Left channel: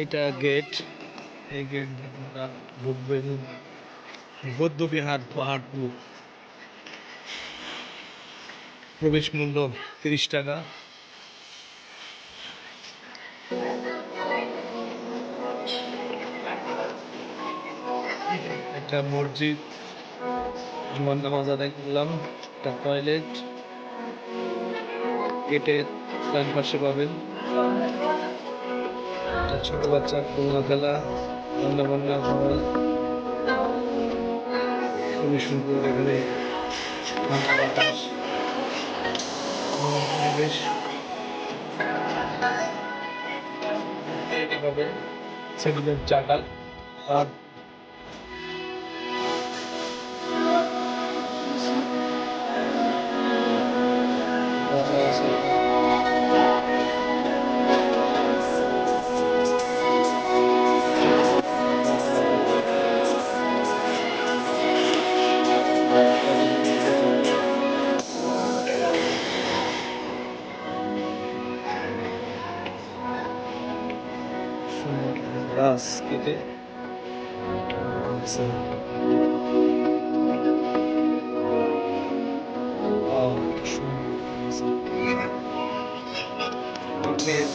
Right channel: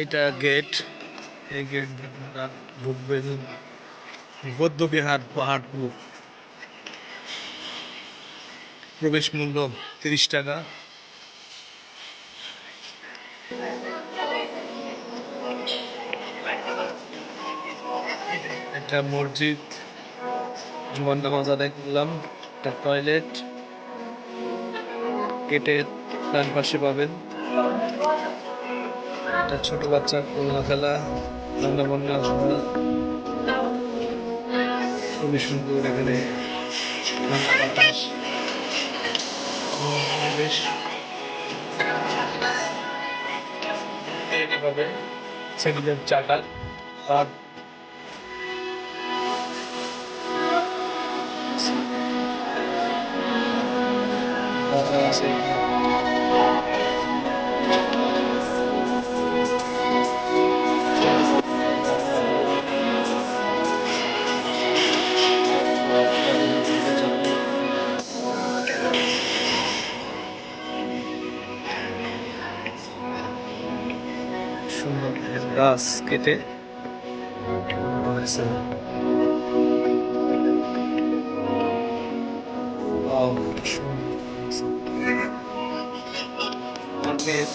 এইটা গেট। এই গেট ঢুকবেন বৌদ্ধবিহার পাহাড়পুর প্রবেশ মূল্য তিরিশ টাকা। একটা মসজিদ জুমান নামাজ করলাম, একটা টয়লেট গেটের ডান পাশে পাবেন। একটা ছোট বাচ্চা খুলনা খেলা রান্না বান্না করা খুবই সুন্দর এখানে ঠান্ডা বাতাস। পরিবেশ। এটা আর আছে গাছ কেটে বানাইছে Wow, সুন্দর অনেক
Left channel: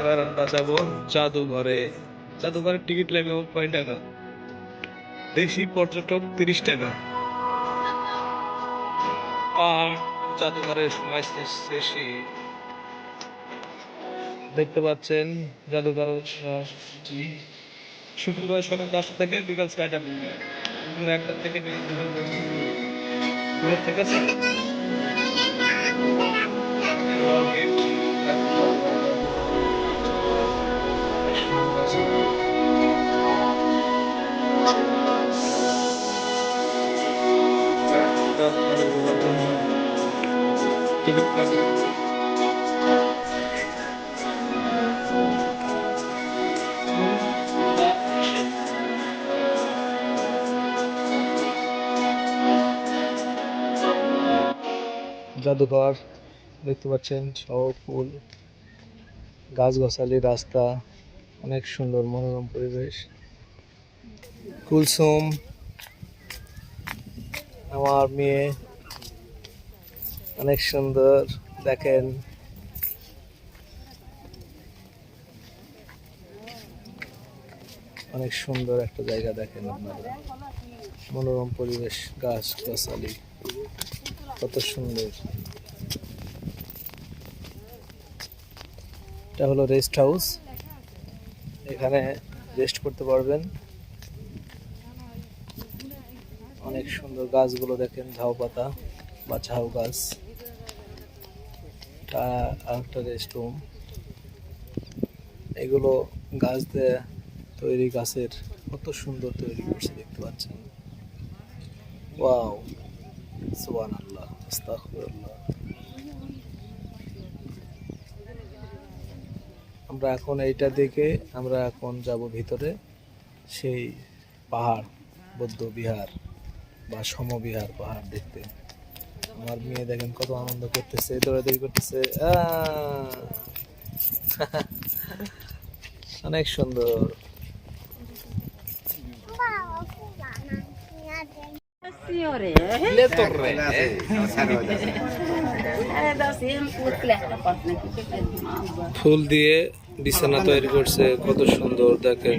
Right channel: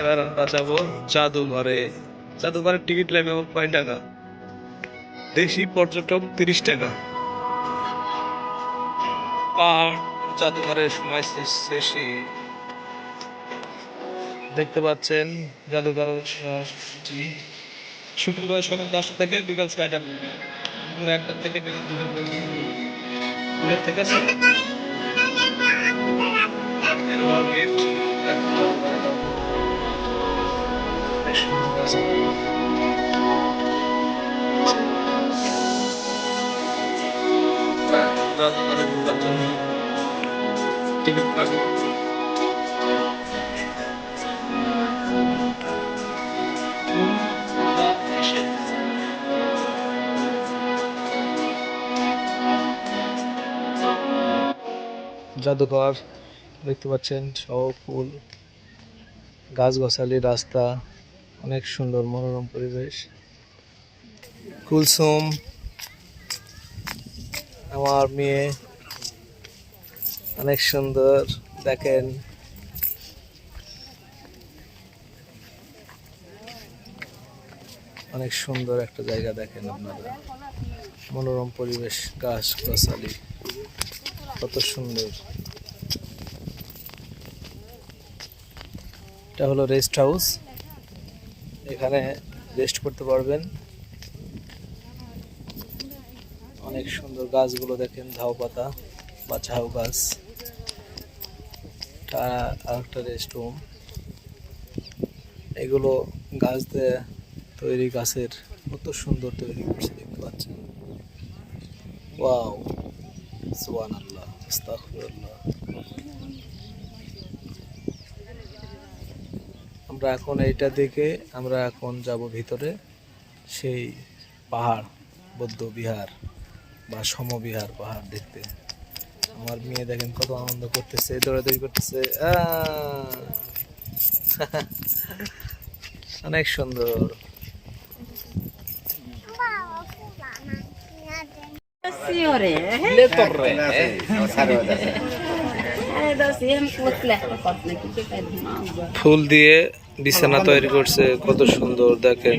এবার আমরা যাব জাদুঘরে। জাদুঘরের টিকিট লাগবে কয় টাকা। দেশি পর্যটক তিরিশ টাকা আর জাদুঘরের সময় শেষে দেখতে পাচ্ছেন জাদুঘর। শুক্রবার সকাল দশটা থেকে বিকাল ছয়টা। একটা থেকে বিকাল থেকে জাদুঘর দেখতে পাচ্ছেন সব ফুল। গাছগাছালি রাস্তা অনেক সুন্দর মনোরম পরিবেশ। কুলসুম আমার মেয়ে অনেক সুন্দর, দেখেন। অনেক সুন্দর একটা জায়গা দেখেন আপনারা। মনোরম পরিবেশ গাছ গাছালি কত সুন্দর। এটা হলো রেস্ট হাউস এখানে রেস্ট করতে পারবেন। অনেক সুন্দর গাছগুলো দেখেন, ঝাউ পাতা বা ঝাউ গাছ। তা আরেকটা রেস্ট রুম এগুলো গাছ দিয়ে তৈরি গাছের কত সুন্দর তৈরি করছে, দেখতে পাচ্ছেন। আমরা এখন এইটা দেখে আমরা এখন যাব ভিতরে, সেই পাহাড়, বৌদ্ধ বিহার। বা সমবিহার পাহাড় দেখতে। আমার মেয়ে দেখেন কত আনন্দ করতেছে দৌড়াদৌড়ি করতেছে! অনেক সুন্দর. ফুল দিয়ে বিছানা তৈরি করছে কত সুন্দর দেখেন।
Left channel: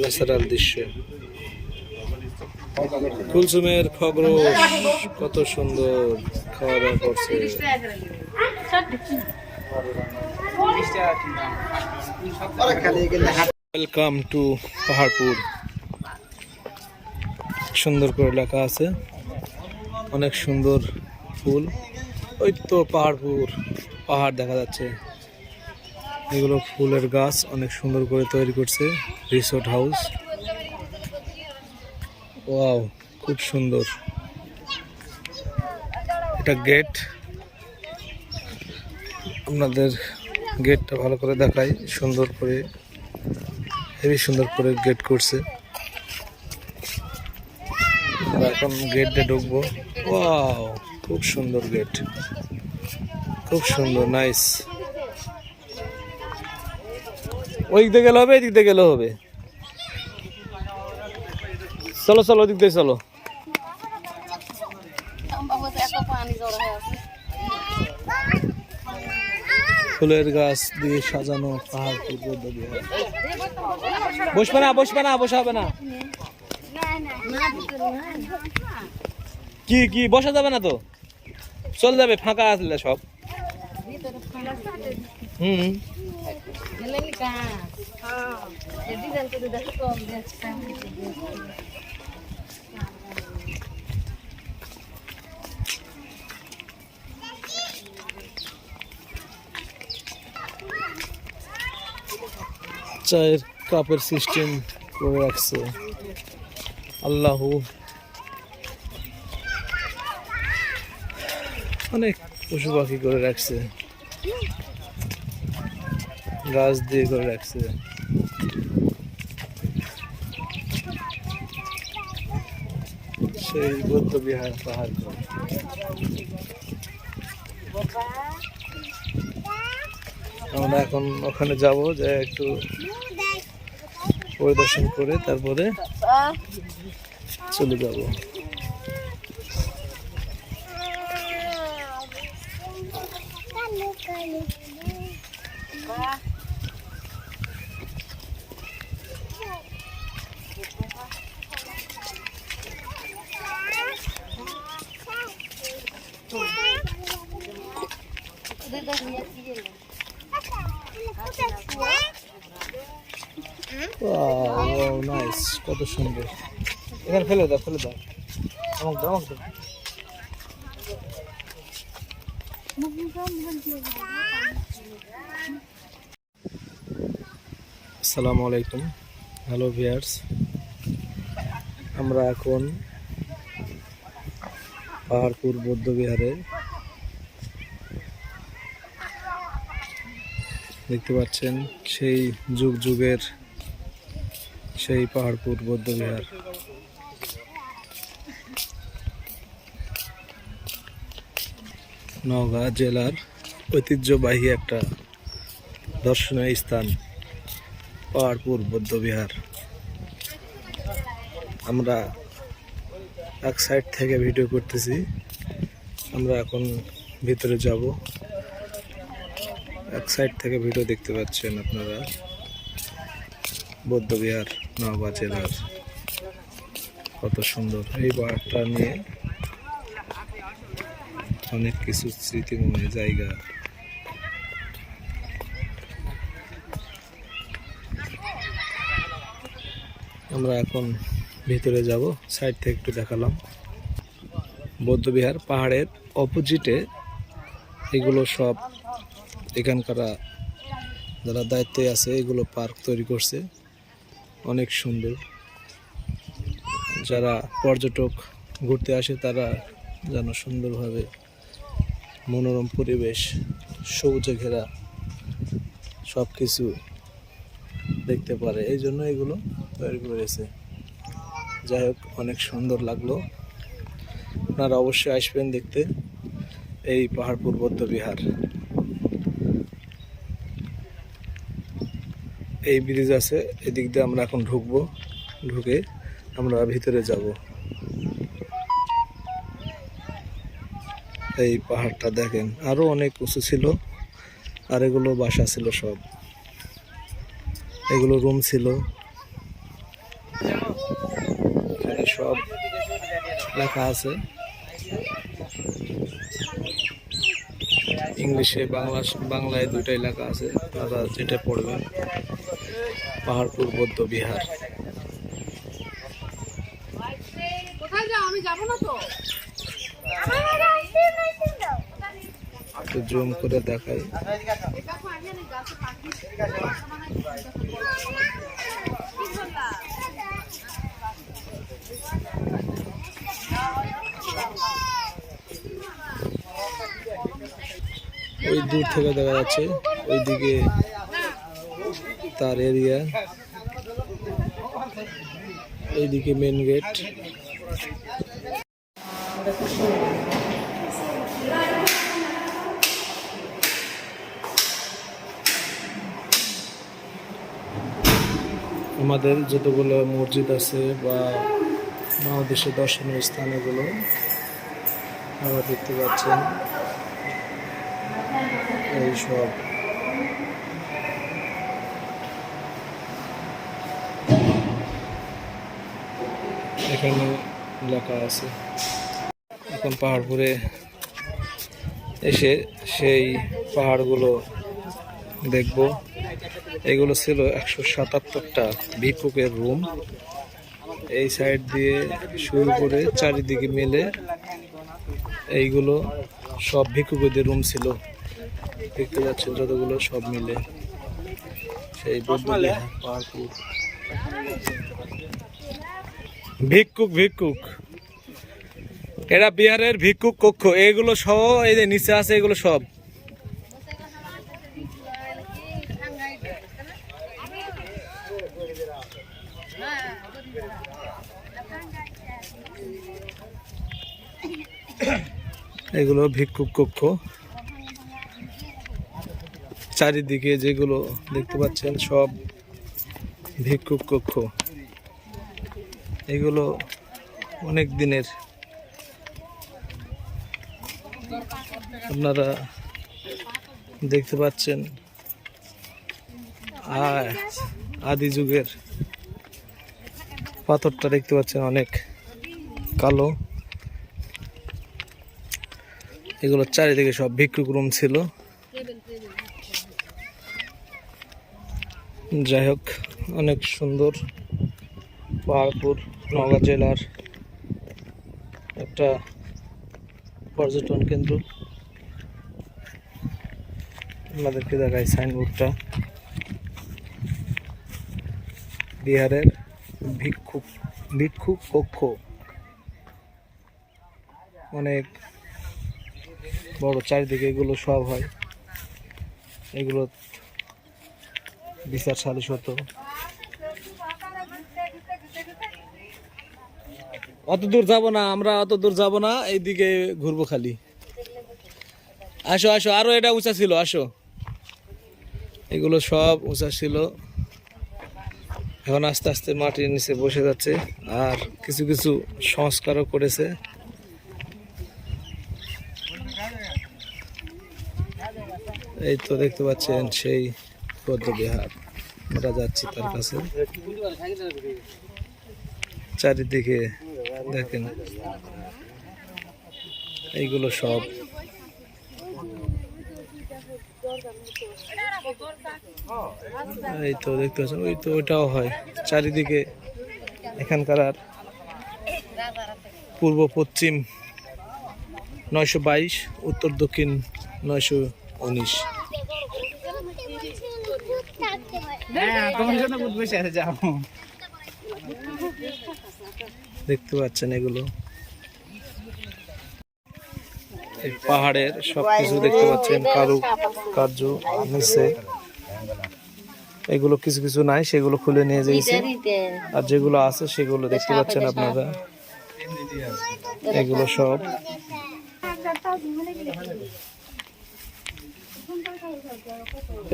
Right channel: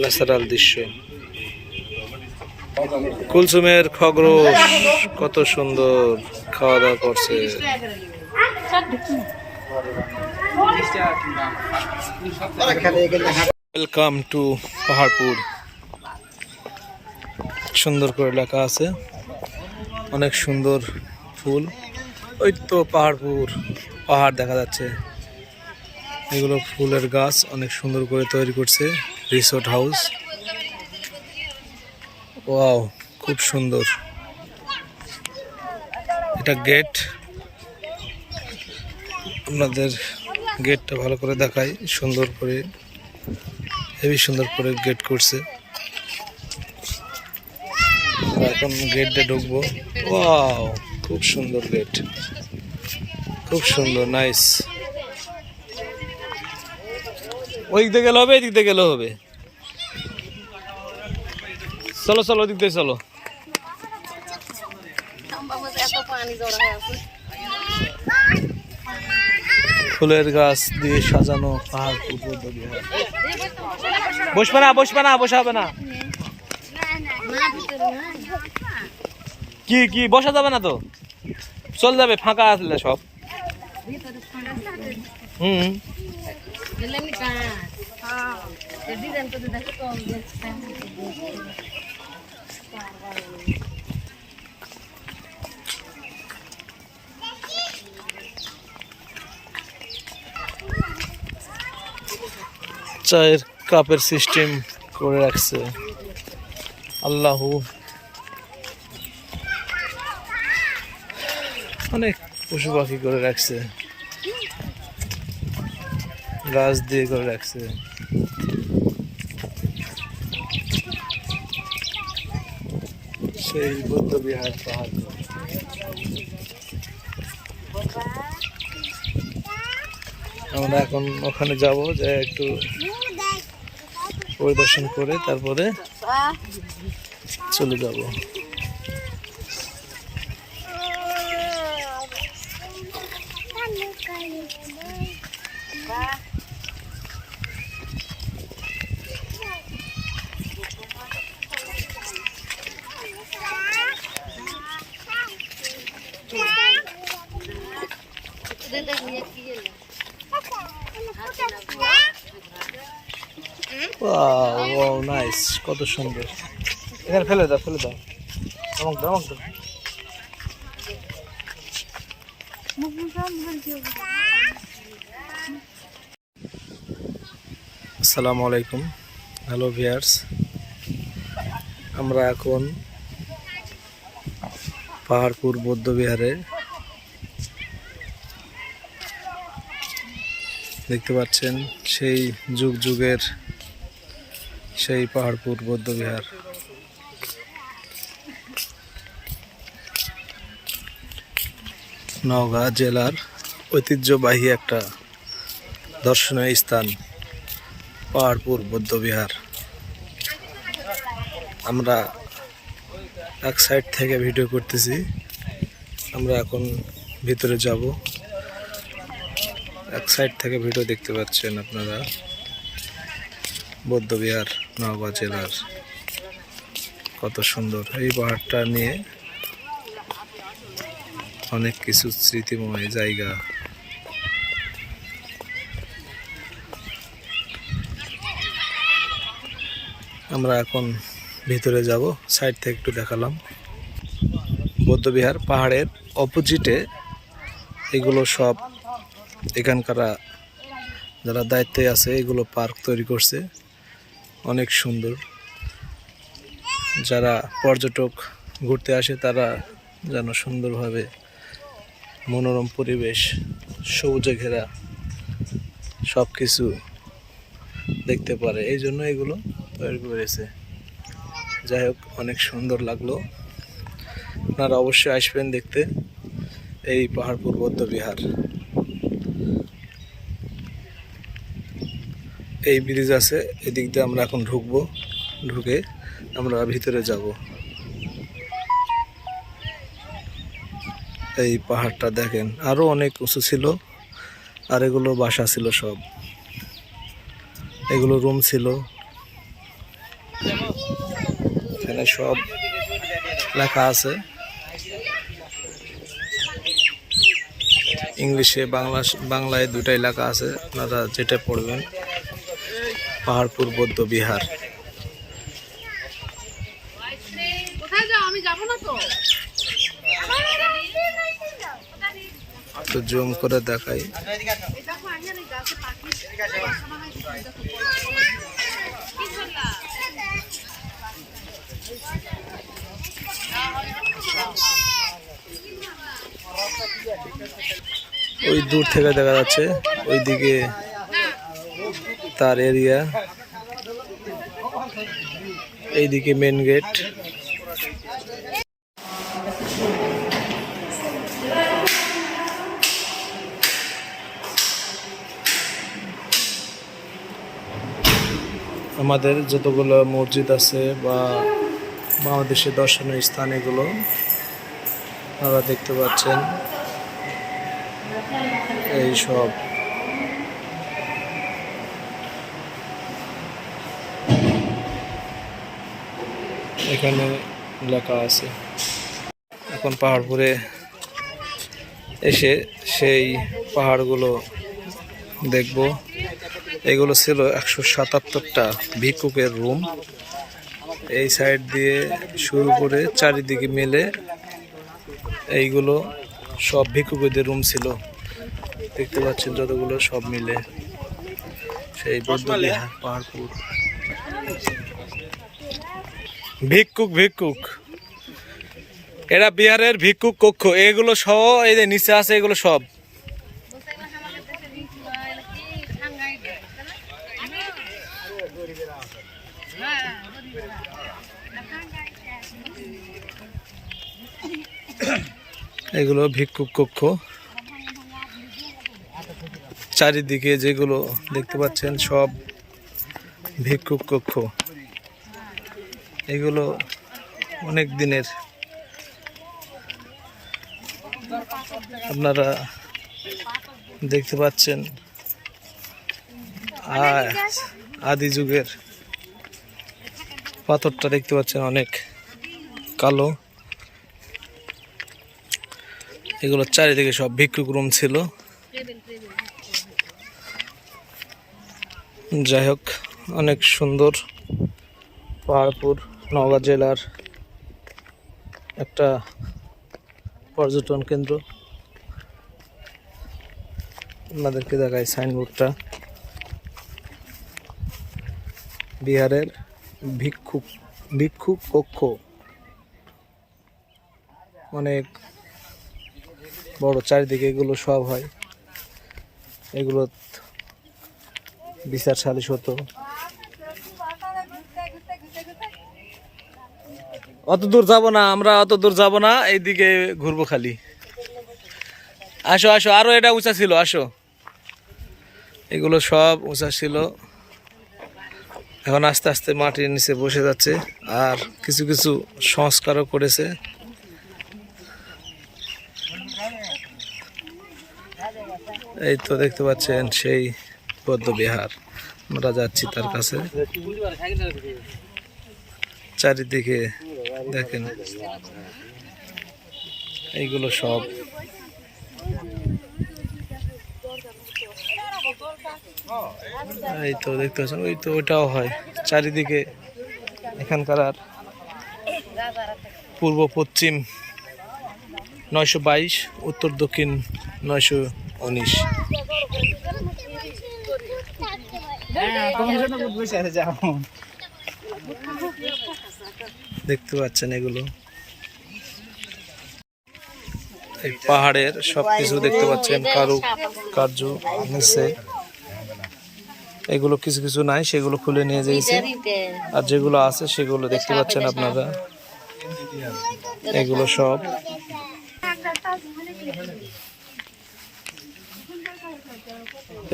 ন্যাচারাল দৃশ্য। কুলসুমের খগরোশ কত সুন্দর খাওয়া দাওয়া করছে। Welcome to Paharpur. সুন্দর করে লেখা আছে। অনেক সুন্দর ফুল। ওই তো পাহাড়পুর। পাহাড় দেখা যাচ্ছে। এগুলো ফুলের গাছ অনেক সুন্দর করে তৈরি করছে, রিসোর্ট হাউস। ওয়াও, খুব সুন্দর। এটা গেট। আপনাদের গেটটা ভালো করে দেখাই, সুন্দর করে, হেভি সুন্দর করে গেট করছে। এখন গেট দিয়ে ঢুকবো। ওয়াও, খুব সুন্দর গেট। খুব সুন্দর, নাইস। ওই দিক দিয়ে গেলে হবে, এই দিক দিয়ে গেলে হবে। চলো চলো, ওদিক দিয়ে চলো। ফুলের গাছ দিয়ে সাজানো পাহাড় পূর্ব বসবে না বসবে না বসাবে না। কি কি, বসা যাবে না তো? চল যাবে, ফাঁকা আসলে সব। চায়ের কাপের সিস্টেম করে রাখছে। আল্লাহু। অনেক পশু পাখি করে রাখছে। গাছ দিয়ে করে রাখছে। সেই বৌদ্ধ বিহার পাহাড় আমরা এখন ওখানে যাব যে একটু পরিদর্শন করে তারপরে চলে যাব। ওয়াও নাইস কত সুন্দর। এখানে ফেলে দাও ফেলে দাও। আমাকে দাও আমাকে দাও। আসসালামু আলাইকুম। হ্যালো ভিয়ার্স আমরা এখন পাহাড়পুর বৌদ্ধ বিহারে দেখতে পাচ্ছেন সেই যুগ যুগের সেই পাহাড়পুর, বৌদ্ধ বিহার। নওগাঁ জেলার ঐতিহ্যবাহী একটা দর্শনীয় স্থান, পাহাড়পুর, বৌদ্ধ বিহার। আমরা এক সাইড থেকে ভিডিও করতেছি। আমরা এখন ভিতরে যাব। এক সাইড থেকে ভিডিও দেখতে পাচ্ছেন আপনারা। বৌদ্ধবিহার, নওগাঁ জেলার। কত সুন্দর। এই পাহাড়টা নিয়ে অনেক কিছু স্মৃতিময় জায়গা। আমরা এখন ভিতরে যাব সাইড থেকে একটু দেখালাম। বৌদ্ধবিহার পাহাড়ের অপোজিটে এগুলো সব এখানকার যারা দায়িত্বে আছে, এগুলো পার্ক তৈরি করছে। অনেক সুন্দর। যারা পর্যটক ঘুরতে আসে, তারা যেন সুন্দরভাবে মনোরম পরিবেশ, সবুজে ঘেরা সব কিছু দেখতে পারে। এই জন্য এগুলো তৈরি করেছে। যাই হোক, অনেক সুন্দর লাগল। আপনারা অবশ্যই আসবেন দেখতে। এই পাহাড়পুর বৌদ্ধ বিহার। এই ব্রিজ আছে, এদিক দিয়ে আমরা এখন ঢুকবো। ঢুকে আমরা ভিতরে যাব। এই পাহাড়টা দেখেন আরও অনেক উঁচু ছিল, আর এগুলো বাসা ছিল সব। এগুলো রুম ছিল। এখানে সব লেখা আছে। ইংলিশে বাংলা বাংলায় দুটাই লেখা আছে, আপনারা যেটা পড়বেন। পাহাড়পুর বৌদ্ধ বিহার। তো জুম করে দেখাই। ওই দূর থেকে দেখা যাচ্ছে ওইদিকে তার এরিয়া এইদিকে মেন গেট আমাদের যতগুলো মসজিদ আছে বা বাংলাদেশের দর্শনীয় স্থান এগুলো, আপনারা দেখতে পাচ্ছেন। এই সব। এখানে লেখা আছে। এখন পাহাড়পুরে এসে সেই পাহাড়গুলো দেখব। এগুলো ছিল একশো সাতাত্তরটা ভিক্ষুকের রুম। এই সাইড দিয়ে শুরু করে চারিদিকে মিলে এইগুলো সব ভিক্ষুকদের রুম ছিল। দেখতে পাচ্ছেন যতগুলো সব মিলে। সেই বৌদ্ধ বিহার পাহাড়পুর। ভিক্ষুক ভিক্ষুক। এরা বিহারের ভিক্ষুক কক্ষ। এগুলো সহ, এই যে নিচে আছে, এগুলো সব। এগুলো ভিক্ষুক কক্ষ। চারিদিকে যেগুলো দেখতে পাচ্ছেন, সব ভিক্ষুক কক্ষ। এগুলো অনেক দিনের। আপনারা দেখতে পাচ্ছেন আদি যুগের পাথরটা দেখতে পাচ্ছেন অনেক কালো। এগুলো চারিদিকে সব ভিক্ষুক রুম ছিল। যাই হোক, অনেক সুন্দর। পাহাড়পুর নওগাঁ জেলার একটা পর্যটন কেন্দ্র। আপনাদেরকে দেখায় সাইনবোর্ডটা। বিহারের ভিক্ষুক ভিক্ষুক কক্ষ। অনেক বড় চারিদিকে এগুলো সব হয়। এগুলো বিচার সালিশ হতো। অত দূর যাব না, আমরা অত দূর যাব না, এইদিকে ঘুরবো খালি। আসো আসো, আরও এটা উঁচা ছিল, আসো। এগুলো সব উঁচা ছিল। এখন আস্তে আস্তে মাটির নিচে বসে যাচ্ছে, আর কিছু কিছু সংস্কারও করেছে। এই তো দেখতে পাচ্ছেন, সেই বৌদ্ধ বিহার। আমরা যাচ্ছি তার কাছে। চারিদিকে দেখেন। এইগুলো সব। এই তো দেখতে পাচ্ছেন ওই তো ওইটাও হয়। চারিদিকে এখানকার আর পূর্ব পশ্চিম নয়শো বাইশ উত্তর দক্ষিণ নয়শো উনিশ। দেখতে পাচ্ছেন এগুলো। এই পাহাড়ের সবকিছু দেখতে পাচ্ছেন, কারু কার্য নিচে এগুলো কিছু কিছু নাই, সেগুলো খুলে নিয়ে যাইছে। আর যেগুলো আছে সেগুলো দেখতে পাচ্ছেন আপনারা। এগুলো সব।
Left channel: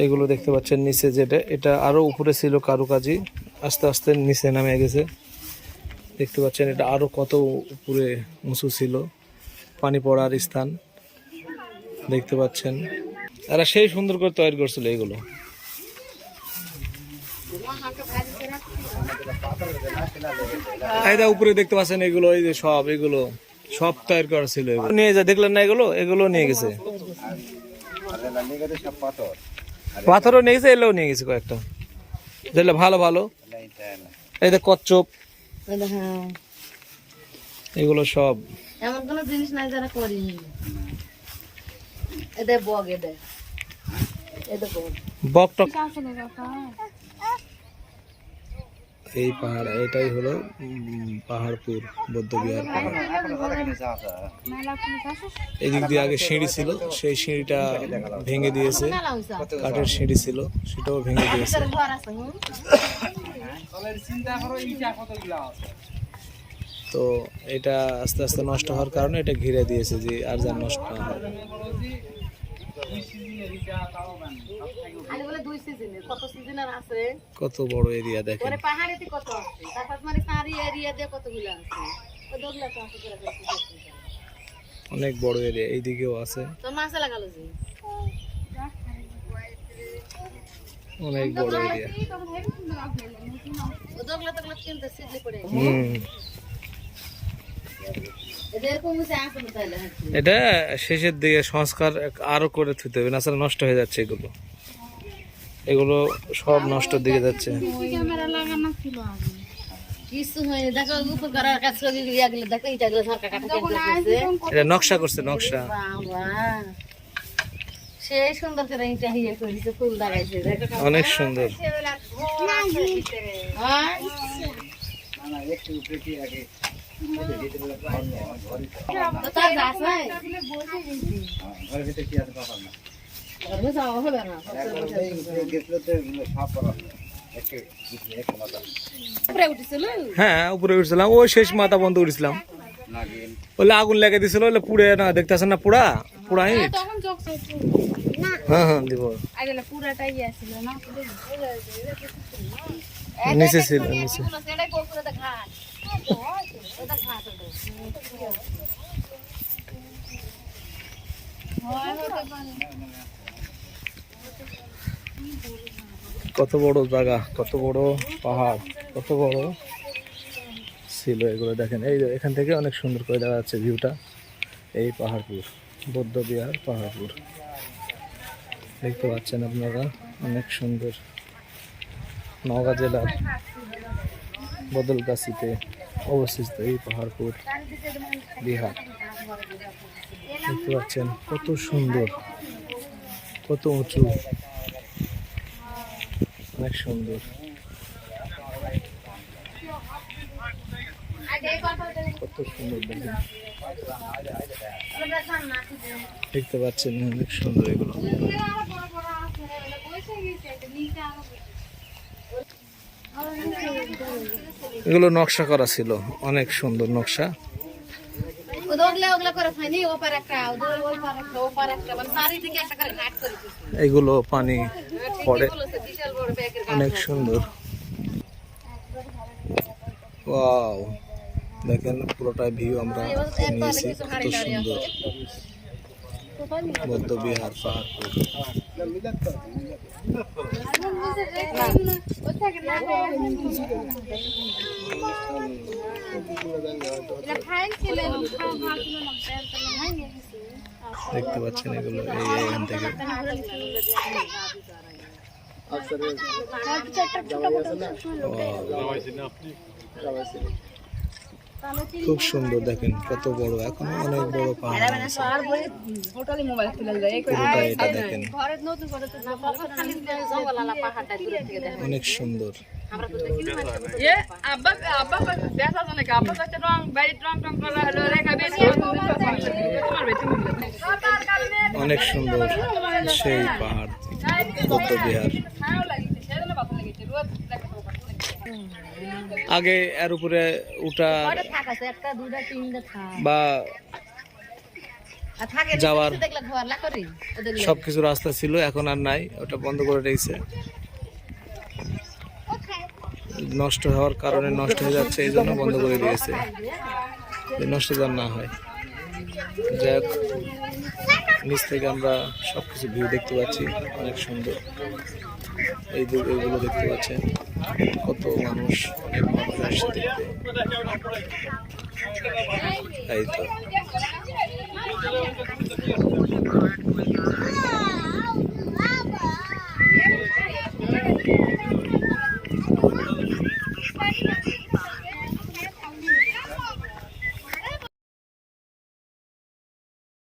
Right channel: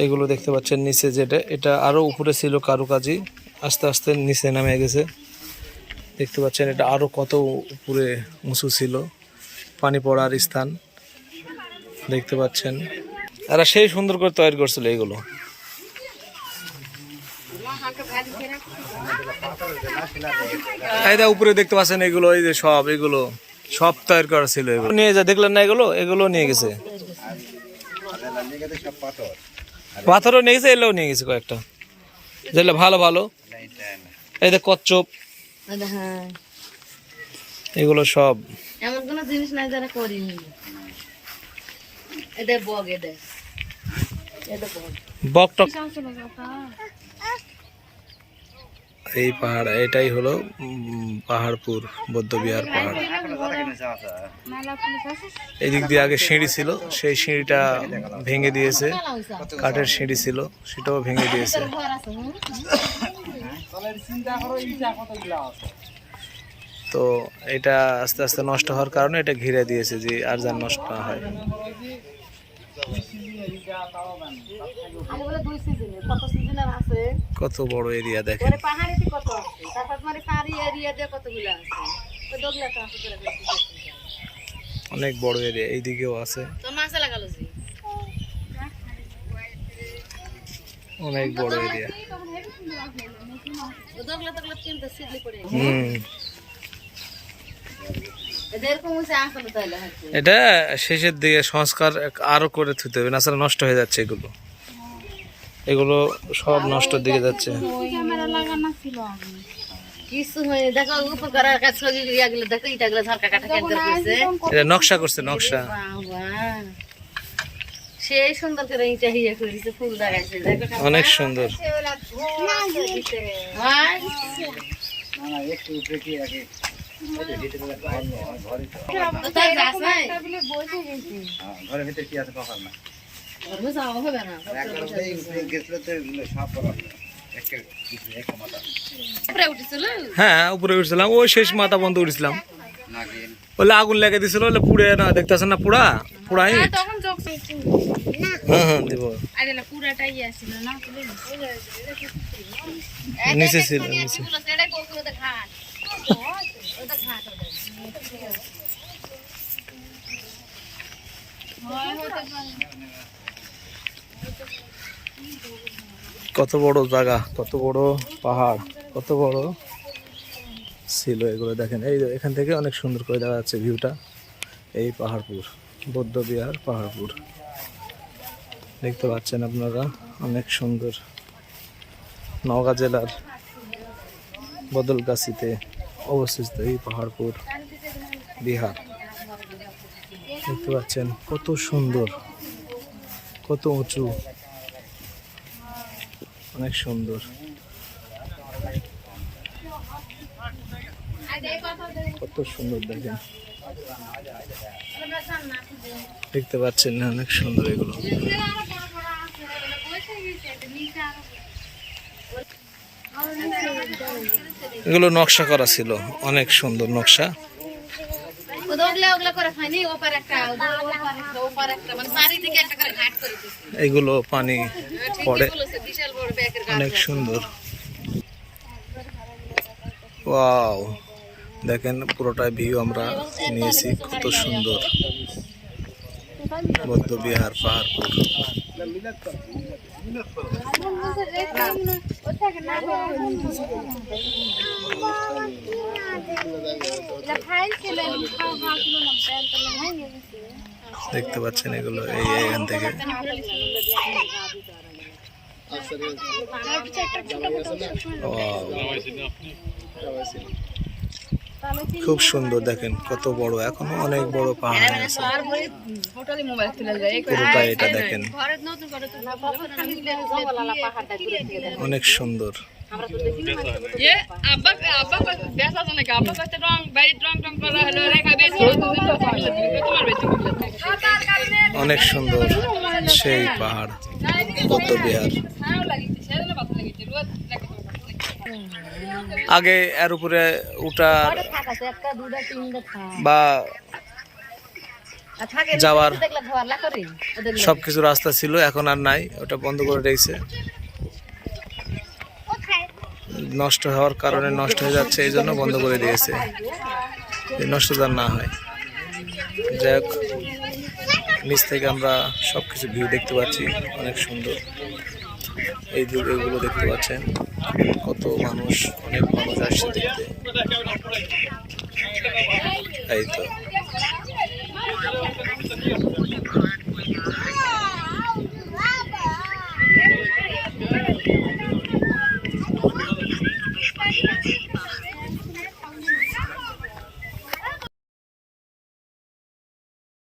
এগুলো দেখতে পাচ্ছেন নিচে যেটা, এটা আরও উপরে ছিল কারুকাজি। আস্তে আস্তে নিচে নামে গেছে। দেখতে পাচ্ছেন এটা আরও কত উপরে উঁচু ছিল। পানি পড়ার স্থান দেখতে পাচ্ছেন। এরা সেই সুন্দর করে তৈরি করছিল এগুলো। উপরে দেখতে পাচ্ছেন এগুলো, এই যে সব, এগুলো সব তৈরি করা ছিল এগুলো। নিয়ে যা, দেখলেন না এগুলো? এগুলো নিয়ে গেছে। পাথরও নিয়ে গেছে, এগুলোও নিয়ে গেছে কয়েকটা। ভালো ভালো। এই যে কচ্ছপ। হ্যাঁ। এগুলো সব। এমন কোনো জিনিস নাই যারা করিনি। এটা বগ এটা। এটা বগ বকটক এই পাহাড় এটাই হলো পাহাড়পুর বৌদ্ধবিহার পাহাড়। এই দিক দিয়ে আগে সিঁড়ি ছিল সেই সিঁড়িটা ভেঙে দিয়েছে। কাঠের সিঁড়ি ছিল সেটাও ভেঙে দিয়েছে? তো এটা আস্তে আস্তে নষ্ট হওয়ার কারণে এটা ঘিরে দিয়েছে যে আর যেন নষ্ট না হয়। সিজনে কত সিজনের আছে? কত বড় এরিয়া দেখেন। পরে পাহাড়েতে কত আছে? তারপর মানে অনেক বড় এরিয়া এইদিকেও আছে। তো মাছে লাগালো আসলে তাইলে হ্যাঁ। এটা শেষের দিকে সংস্কার আরও করে থুতে হবে না নষ্ট হয়ে যাচ্ছে এগুলো। এগুলো সব নষ্টর দিকে যাচ্ছে। কিছু হয়নি দেখো উপকারের কাছে গেলে দেখো ইটা গেলে সরকার কাটা কেন্দ্র করছে এটা নকশা করছে নকশা। সেই সুন্দর করে ইটা হিয়া করেছে ফুল লাগাইছে অনেক সুন্দর হ্যাঁ ঘরের ভিতরে কি আছে না উপরে হ্যাঁ উপরে উঠছিলাম। ওই শেষ মাথা বন্ধ উঠছিলাম ওলে আগুন লেগে দিছিল পুড়ে না দেখতেছেন না ইট তখন চোখ হ্যাঁ হ্যাঁ দিব। নিচে ছিল নিচে। কত বড় জায়গা কত বড় পাহাড় কত বড় ছিল এগুলো দেখেন। এই এখান থেকে অনেক সুন্দর করে দেখা যাচ্ছে ভিউটা। এই পাহাড়পুর বৌদ্ধ বিহার পাহাড়পুর। দেখতে পাচ্ছেন আপনারা, অনেক সুন্দর নওগাঁ জেলার বদলগাছিতে অবস্থিত এই পাহাড়পুর, বিহার। দেখতে পাচ্ছেন কত সুন্দর, কত উঁচু, অনেক সুন্দর। কত সুন্দর দেখেন। দেখতে পাচ্ছেন অনেক সুন্দর এগুলো। এগুলো নকশা করা ছিল, অনেক সুন্দর নকশা। এগুলো পানি পড়ে, অনেক সুন্দর। ওয়াও, দেখেন পুরোটা ভিউ আমরা নিয়েছি, কত সুন্দর। বৌদ্ধ বিহার পাহাড়পুর। দেখতে পাচ্ছেন এগুলো এই এখান থেকে। Wow. খুব সুন্দর দেখেন কত বড় এখনও অনেক বড় পাহাড় আছে পুরোটা এটা দেখেন অনেক সুন্দর অনেক সুন্দর সেই পাহাড় বৌদ্ধ বিহার আগে এর উপরে উঠার বা যাওয়ার সব কিছু রাস্তা ছিল, এখন আর নাই, ওটা বন্ধ করে রেখেছে। নষ্ট হওয়ার কারণে নষ্ট হয়ে যাচ্ছে, এই জন্য বন্ধ করে দিয়েছে। নষ্ট যেন না হয়। যাই হোক, নিচ থেকে আমরা সব কিছু ভিউ দেখতে পাচ্ছি, অনেক সুন্দর। এই এগুলো দেখতে পাচ্ছেন। কত মানুষ অনেক মানুষ আসছে দেখতে। এই তো।